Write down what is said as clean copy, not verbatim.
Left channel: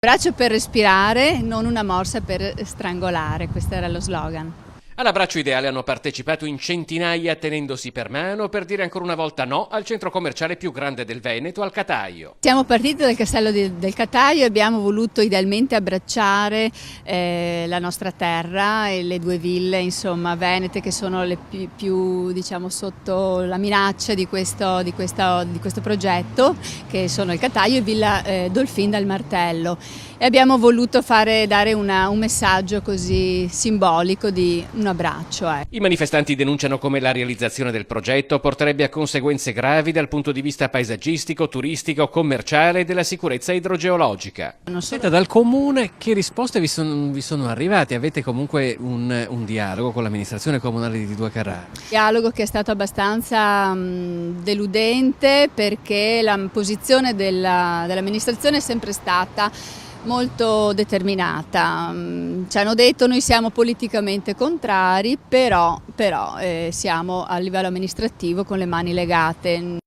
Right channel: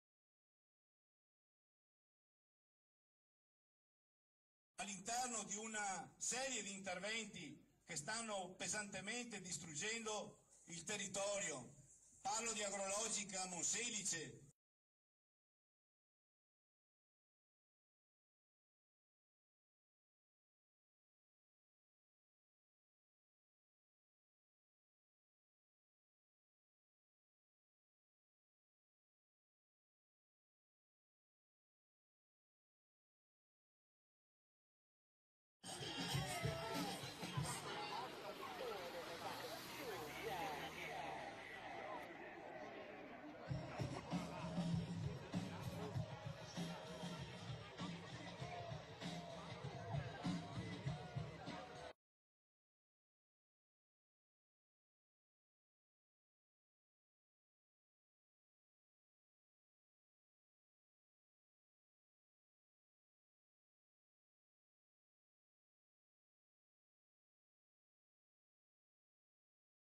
Braccio per respirare, non una morsa per strangolare, questo era lo slogan. All'abbraccio ideale hanno partecipato in centinaia tenendosi per mano per dire ancora una volta no al centro commerciale più grande del Veneto, al Cataio. Siamo partiti dal castello del Cataio e abbiamo voluto idealmente abbracciare la nostra terra e le due ville, insomma, venete, che sono le più diciamo, sotto la minaccia di questo progetto, che sono il Cataio e Villa Dolfin dal Martello. E abbiamo voluto dare un messaggio così simbolico di un abbraccio. I manifestanti denunciano come la realizzazione del progetto porterebbe a conseguenze gravi dal punto di vista paesaggistico, turistico, commerciale e della sicurezza idrogeologica. Senta, dal comune che risposte vi sono arrivate? Avete comunque un dialogo con l'amministrazione comunale di Due Carrare? Dialogo che è stato abbastanza deludente, perché la posizione dell'amministrazione è sempre stata molto determinata. Ci hanno detto: noi siamo politicamente contrari, però siamo a livello amministrativo con le mani legate.